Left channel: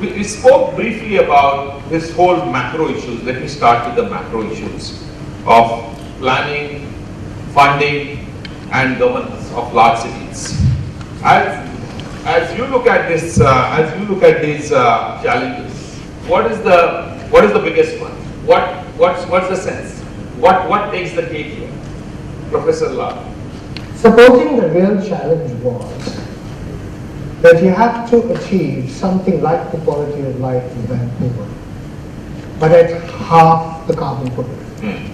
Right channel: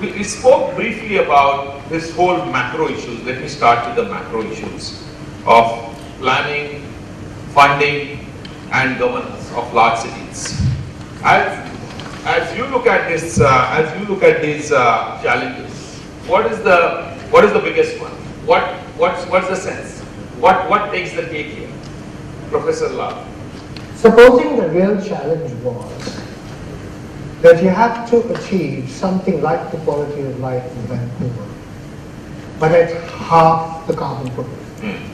we spoke briefly about this whole macro issues. Let me start with the macro issues of planning, funding, and governance of large cities. As you look at this, these challenges, what is the biggest one? What's the sense? What takes the cake here, Professor Lal? Supposing the real challenge was that you have to achieve something like the quality of life in Vancouver, but at half the carbon footprint.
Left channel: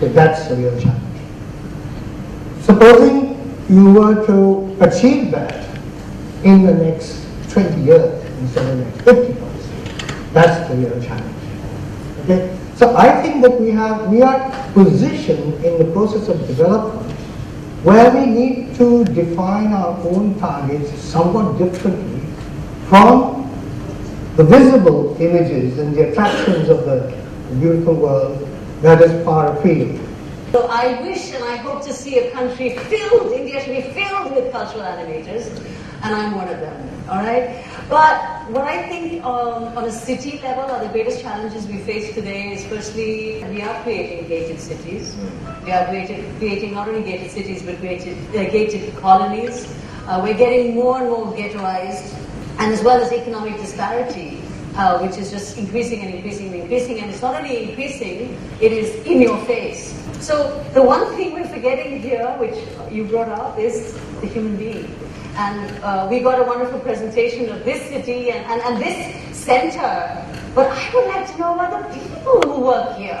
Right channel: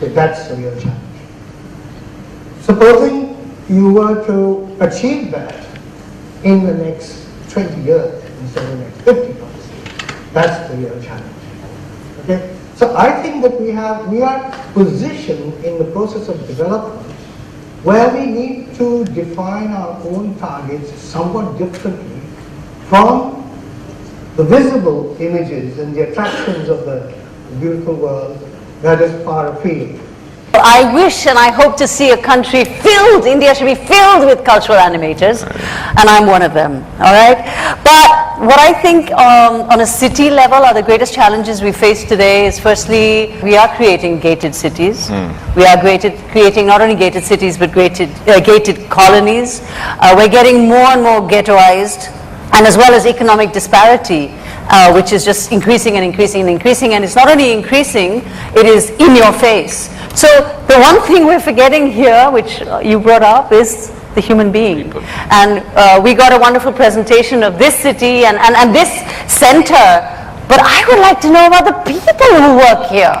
So that's the real challenge. Supposing you were to achieve that in the next 20 years instead of the next 50 years, that's the real challenge. Okay? So I think that we are positioned in the process of development where we need to define our own targets somewhat differently from the visible images and the attractions of the beautiful world that is far afield. I wish and I hope to see a country filled, India should be filled with cultural animators, and I'm one of them, all right? But what I think on a city level are the greatest challenges we face today is, firstly, we are creating gated cities. We are creating not only gated cities but gated colonies. We're getting more and more ghettoized, and as well as economic disparity, which is just increasing and increasing and increasing, and it's not only increasing, it is in your face. So the one thing we're forgetting here, which you brought up, is the human being. And we got a wonderful presentation of this city and this center, but I would like to know about the people who work here.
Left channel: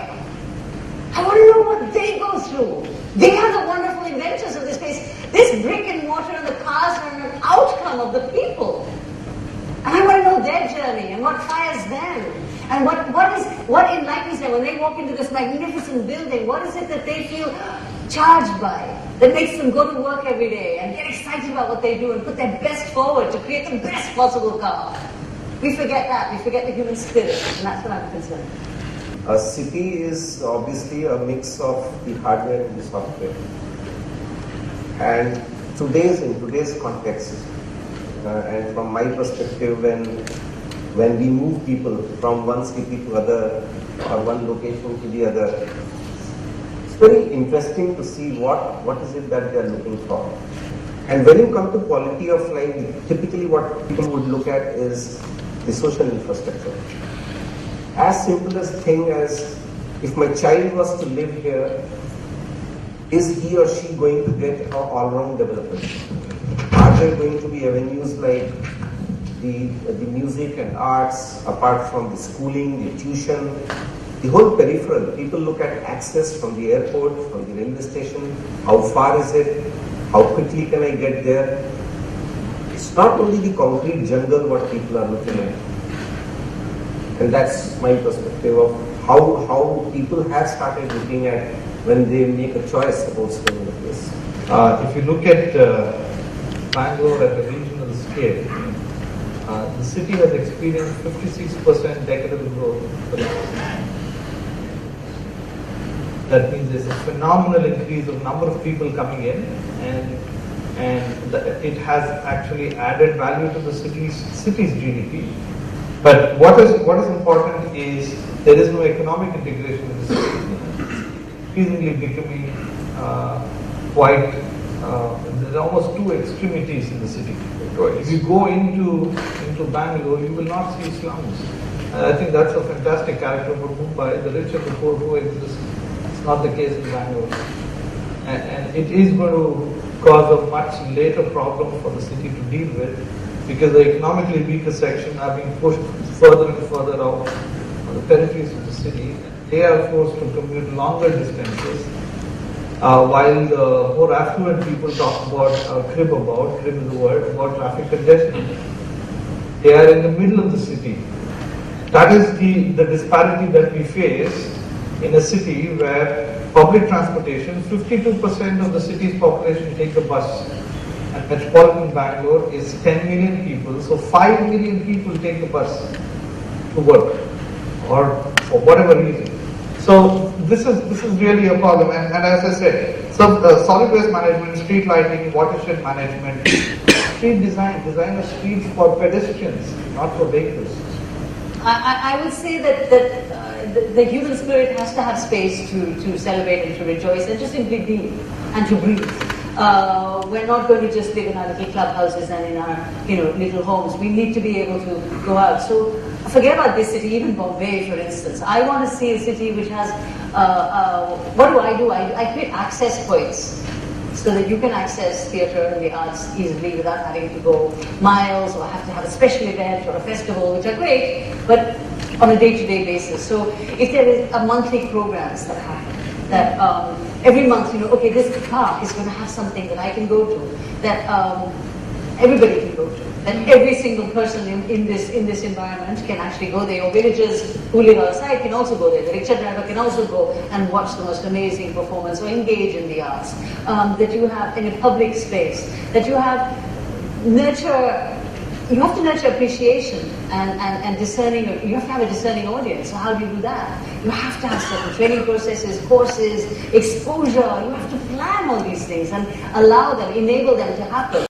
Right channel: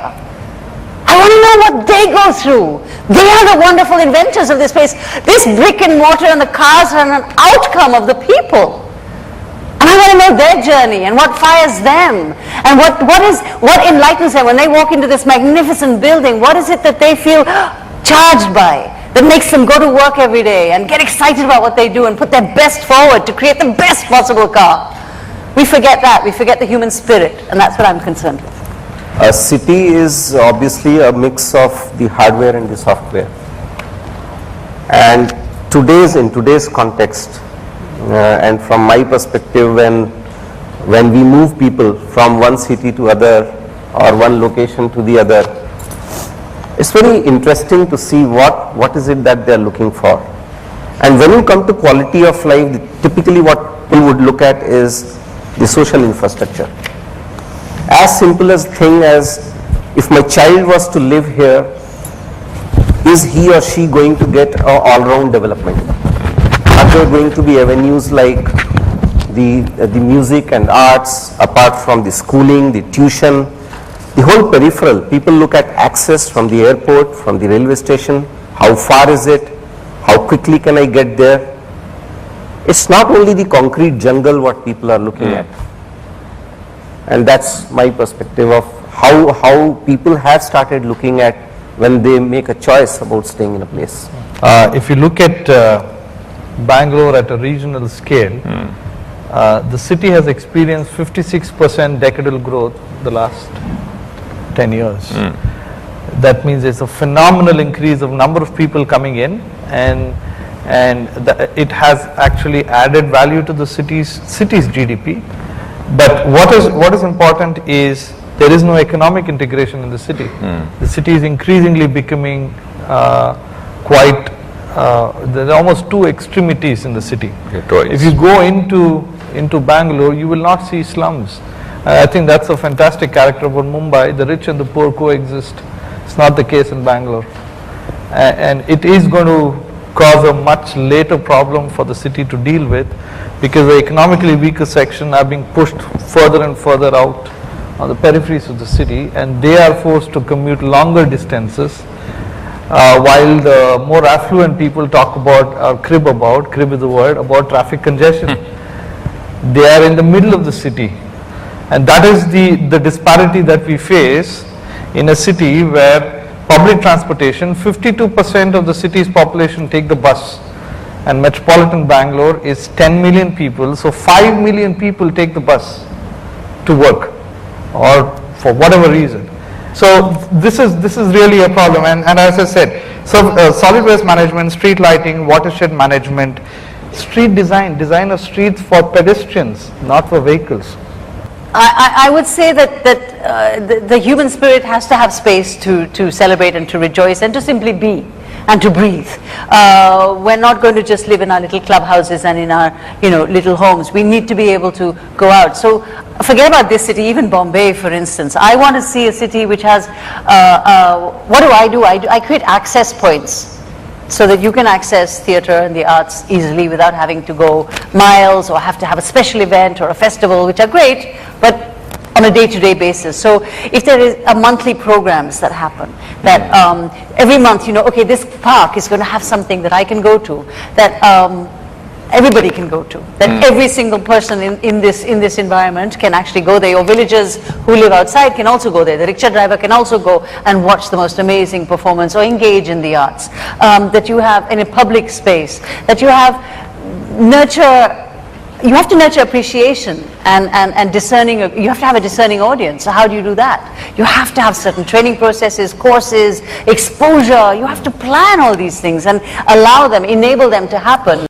I want to know what they go through. They are the wonderful inventors of this place. This brick and mortar and the cars are an outcome of the people. And I want to know their journey and what fires them and what enlightens them when they walk into this magnificent building. What is it that they feel charged by that makes them go to work every day and get excited about what they do and put their best forward to create the best possible car? We forget that. We forget the human spirit, and that's what I'm concerned with. A city is obviously a mix of the hardware and the software. And in today's context, and from my perspective, when we move people from one city to other or one location to the other, it's very interesting to see what is it that they are looking for. And when you come to quality of life, typically what we would look at is the social infrastructure. As simple as thing as, if my child was to live here, is he or she going to get an all-round development? Are there going to be avenues like the music and arts, apart from the schooling, the tuition, the whole peripheral? People look at access from the airport, from the railway station, how far is it, how quickly can I get there? It's not only the concrete jungle what people are looking at. And that's my perspective of how people have started looking at when they make a choice about staying in a place. If you look at Bangalore at a regional scale, the city has experienced 56% decadal growth the last 10 years. That means it's a phenomenal increase of number of people coming in, and it has actually added value to the city's GDP. But what is important is there is no economic integration in the city. The city is increasingly becoming quite, there are almost two extremities in the city. If you go into Bangalore, you will not see slums. I think that's a fantastic character about Mumbai. The rich and the poor coexist. It's not the case in Bangalore. And it is going to cause a much later problem for the city to deal with, because the economically weaker section are being pushed further and further out on the peripheries of the city, and they are forced to commute longer distances, while the more affluent people talk about, or crib is the word, about traffic congestion. They are in the middle of the city, and that is the disparity that we face in a city where public transportation, 52% of the city's population take the bus, and metropolitan Bangalore is 10 million people, so 5 million people take the bus to work or for whatever reason. So this is really a problem, and as I said, solid waste management, street lighting, watershed management, street design of streets for pedestrians, not for vehicles. I would say that the human spirit has to have space to celebrate and to rejoice and to simply be and to breathe. We're not going to just live in our little clubhouses and in our little homes. We need to be able to go out. So forget about this city, even Bombay, for instance. I want to see a city which has, what do? I create access points so that you can access theatre and the arts easily without having to go miles or have to have a special event or a festival, which are great, but on a day-to-day basis. So if there is a monthly programs that happen, that every month, okay, this park is going to have something that I can go to, that everybody can go to, that every single person in this environment can actually go there. Your villagers who live outside can also go there. The rickshaw driver can also go and watch the most amazing performance or engage in the arts. That you have in a public space, that you have you have to nurture appreciation and discerning. You have to have a discerning audience. So how do you do that? You have to have certain training processes, courses, exposure. You have to plan all these things and allow them, enable them to happen